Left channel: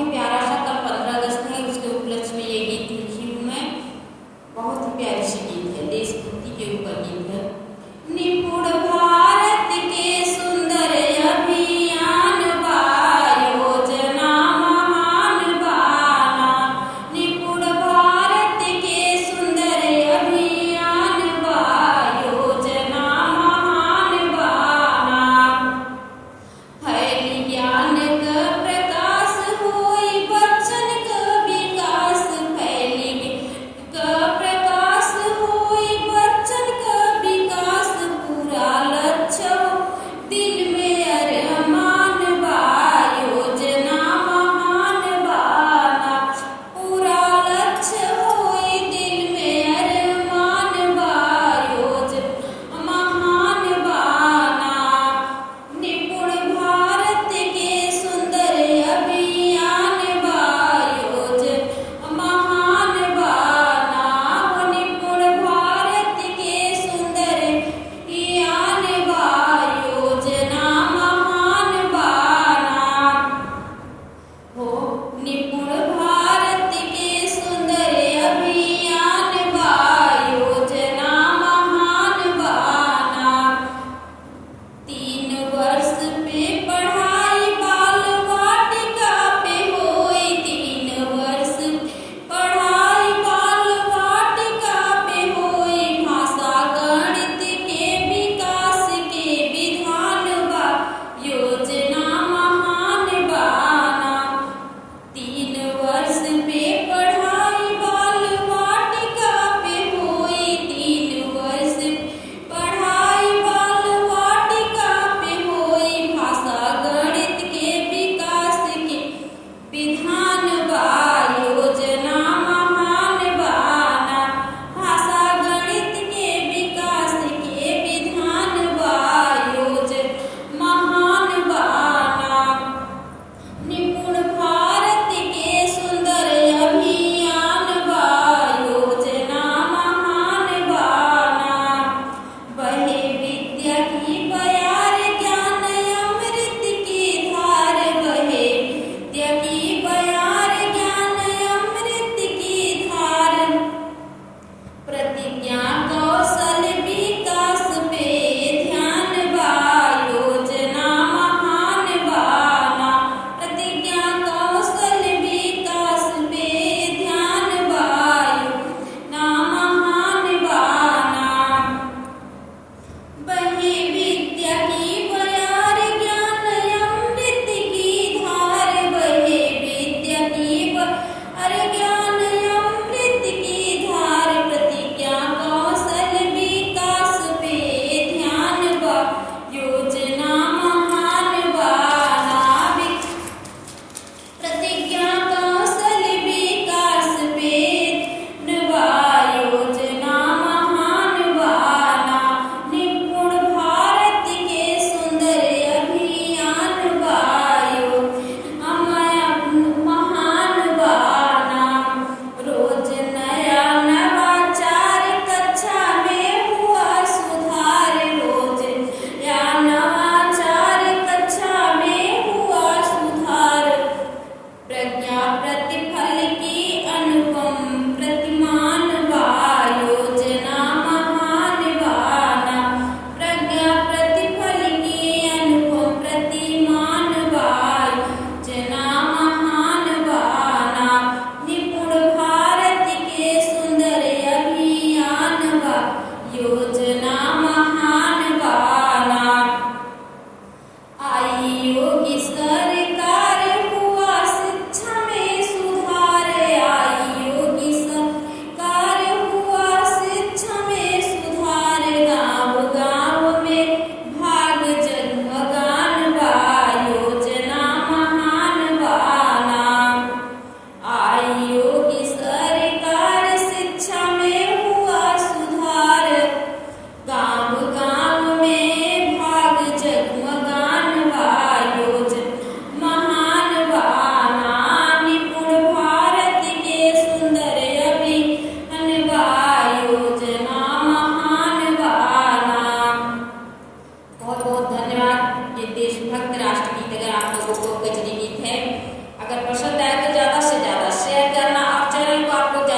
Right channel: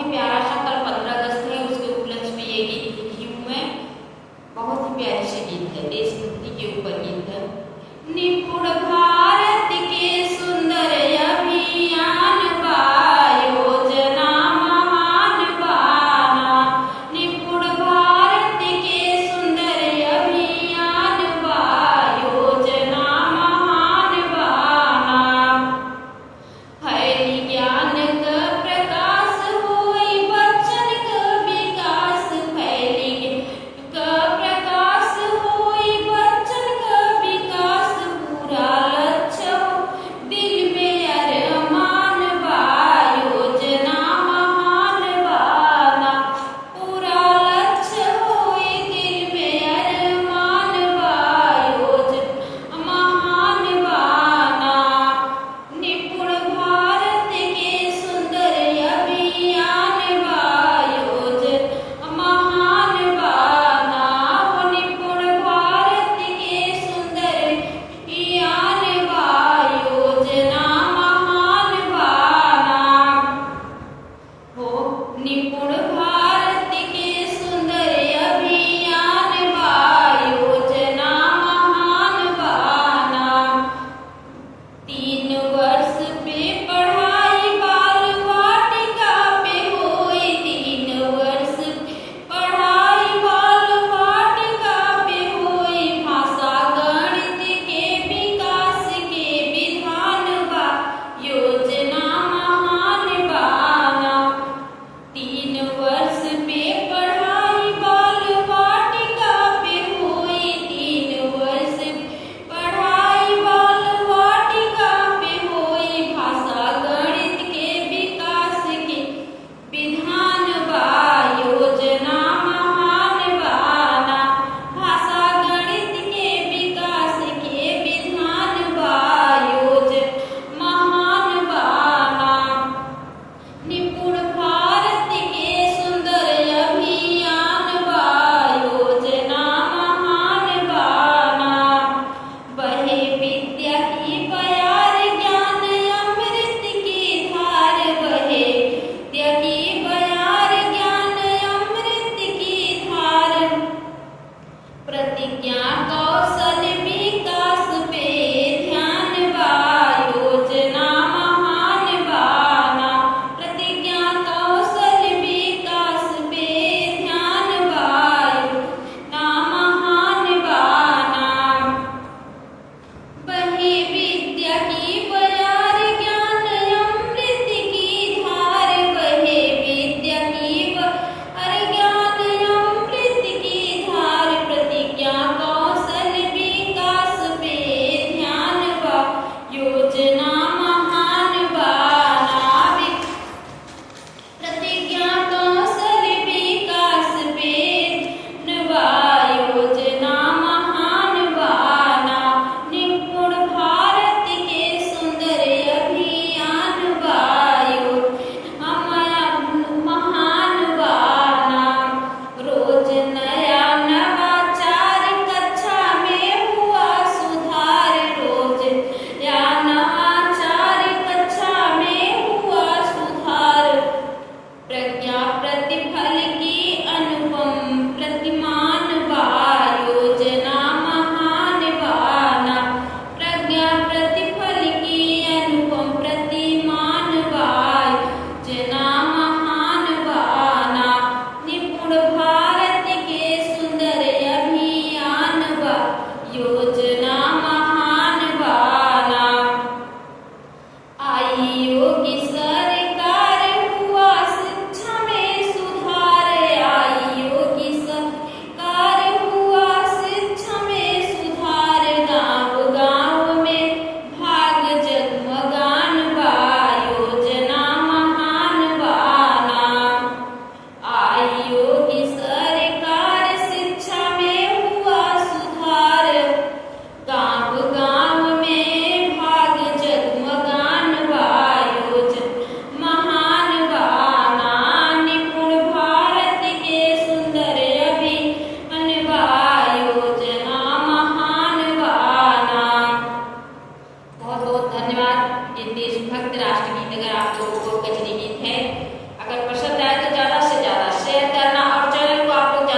ही प्यारा सा, कल 15 अगस्त है, उसके उपलक्ष्य में ये गीत लिखी हूँ मैं। बहुत ही प्यारी सी गीत है, देशभक्ति के ऊपर गीत है। निपुण भारत के सुंदर अभियान बा, योजना महान बाना। निपुण भारत के सुंदर अभियान बा, योजना महान बाना। फैली ज्ञान का प्रकाश होई बच्चन का विकास, फैली का प्रकाश होई बच्चन का विकास। पूरा लक्ष्य दिल में अरमान बा, योजना महान बाना। पूरा लक्ष्य होई दिल में अरमान बा, योजना महान बाना। निपुण भारत के सुंदर अभियान बा, योजना महान बाना। वो निपुण भारत के सुंदर अभियान बा, योजना महान बाना। हो निपुण भारत के सुंदर अभियान बा, योजना महान बाना। 3 वर्ष पे पढ़ाई बाल वाटिका पे होई, 3 वर्ष पढ़ाई बाल वाटिका पे होई। भाषा गणित के विकास के विधान बा, योजना महान बाना। 3 वर्ष पे पढ़ाई बाल वाटिका पे होई, 3 वर्ष पढ़ाई बाल वाटिका पे होई। भाषा गणित के विकास के विधान बा, योजना महान बाना। भाषा गणित के विकास के विधान बा, योजना महान बाना। निपुण भारत के सुंदर अभियान बा, योजना महान बाना। बहे विद्या की बयार, ज्ञान अमृत की धार। बहे विद्या की बयार, ज्ञान अमृत की धार। प्रतिज्ञा कौशल विकास पे ध्यान बा, योजना महान बाना। प्रतिज्ञा कौशल विकास पे ध्यान बा, योजना महान बाना। बहे विद्या की बयार, ज्ञान अमृत की धार। बहे विद्या की बयार, ज्ञान अमृत की धार। प्रतिज्ञा कौशल विकास पे ध्यान बा, योजना महान बाना। प्रतिज्ञा कौशल विकास पे ध्यान बा, योजना महान बाना। निपुण भारत के सुंदर अभियान बा, योजना महान बाना। रोज नया नवाचार, कक्षा में हुआ सुधार। रोज नया नवाचार, कक्षा में हुआ सुधार। प्रज्ञा प्रतिफल की अनुपम प्रतिमान बा, योजना महान बाना। प्रज्ञा प्रतिफल की अनुपम प्रतिमान बा, योजना महान बाना। निपुण भारत के सुंदर अभियान बा, योजना महान बाना। आई योगी सरकार, हुआ शिक्षा में सुधार। आई योगी सरकार, हुआ शिक्षा में सुधार। गांव गांव में भाग जगमगान बा, योजना महान बाना। आई योगी सरकार, शिक्षा में हुआ सुधार। गांव गांव में भाग जगमगान बा, योजना महान बाना। निपुण भारत के सुंदर अभियान बा, योजना महान बाना। बहुत बहुत धन्यवाद। ये देशभक्त राष्ट्रगीत अगर आप लोगों को कचरी गीत है, अगर पसंद आए तो ज़्यादा से ज़्यादा शेयर करना और चैनल को आप लोग